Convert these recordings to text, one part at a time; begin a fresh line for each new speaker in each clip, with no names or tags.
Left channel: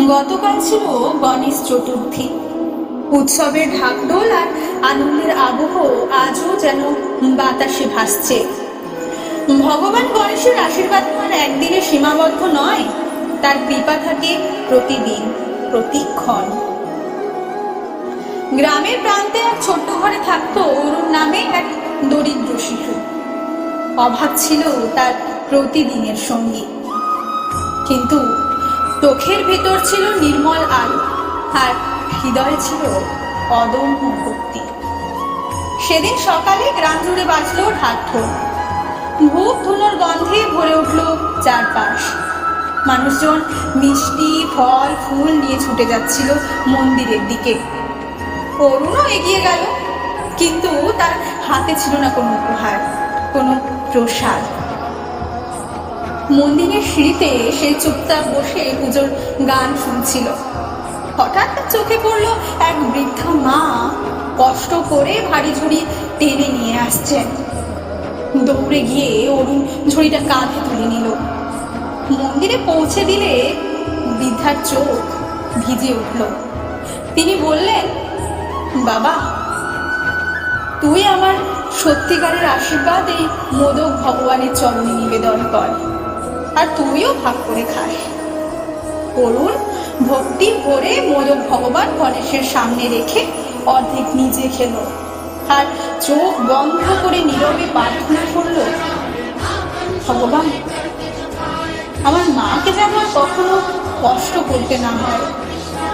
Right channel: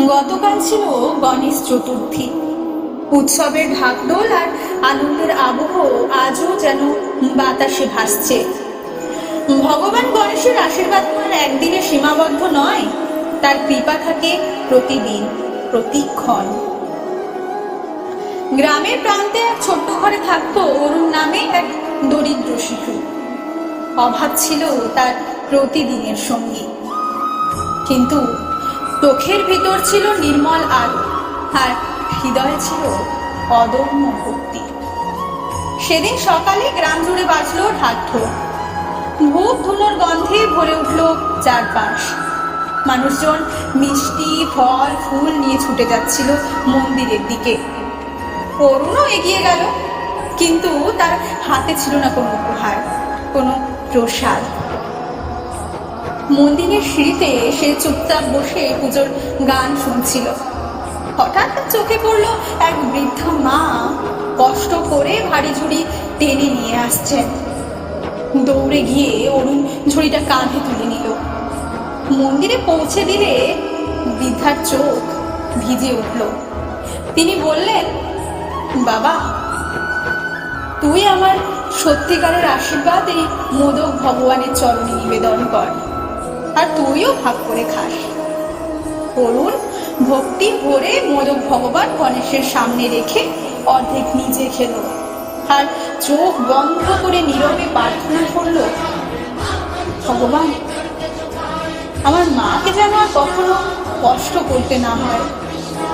গতকাল ছিল গণেশ চতুর্থী। উৎসবের ঢাকঢোল আর আনন্দের আবহ আজও যেন বাতাসে ভাসছে। ভগবান গণেশের আশীর্বাদ তো আর একদিনে সীমাবদ্ধ নয়, তার কৃপা থাকে প্রতিদিন, প্রতিক্ষণ। গ্রামের প্রান্তে এক ছোট্ট ঘরে থাকতো অরুণ নামে এক দরিদ্র শিশু। অভাব ছিল তার প্রতিদিনের সঙ্গী। কিন্তু চোখের ভিতর ছিল নির্মল আলো, আর হৃদয়ে ছিল অদম্য ভক্তি। সেদিন সকালে গ্রাম জুড়ে বাজলো ঢাকঢোল ধূপ ধুনোর গন্ধে ভরে উঠল চারপাশ। মানুষজন মিষ্টি, ফল, ফুল নিয়ে ছুটে যাচ্ছিল মন্দিরের দিকে। অরুণও এগিয়ে গেল, কিন্তু তার হাতে ছিল না কোনো উপহার, কোনো প্রসাদ। মন্দিরের সিঁড়িতে সে চুপচাপ বসে পুজোর গান শুনছিল। হঠাৎ চোখে পড়ল এক বৃদ্ধা মা কষ্ট করে ভারী ঝুড়ি টেনে নিয়ে আসছেন। দৌড়ে গিয়ে অরুণ ঝুড়িটা কাঁধে তুলে নিল। মন্দিরে পৌঁছে দিলে বৃদ্ধার চোখ ভিজে উঠল। তিনি বললেন, বাবা, তুই আমার সত্যিকারের আশীর্বাদ এই মোদক ভগবানের চরণে নিবেদন কর। আর তুইও ভাগ করে খাস। অরুণ, ভক্তি ভরে মোদক ভগবান গণেশের সামনে রেখে অর্ধেক নিজে খেলো। আর চোখ বন্ধ করে নীরবে প্রার্থনা করল, ভগবান, আমার মাকে যেন আর কখনো কষ্ট করতে না হয়।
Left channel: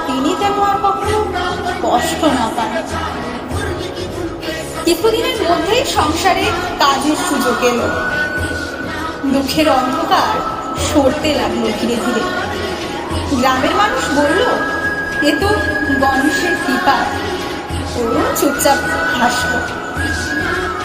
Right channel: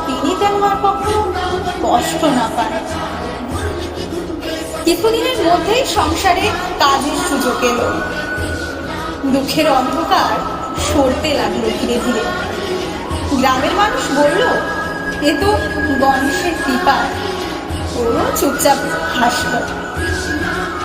তিনি যেন আর কখনো কষ্ট না পান। কিছুদিনের মধ্যেই সংসারে কাজের সুযোগ এলো। দুঃখের অন্ধকার সরতে লাগল ধীরে ধীরে। গ্রামের মানুষ বলল, এ তো গণেশের কৃপা। ও চুপচাপ হাসলো।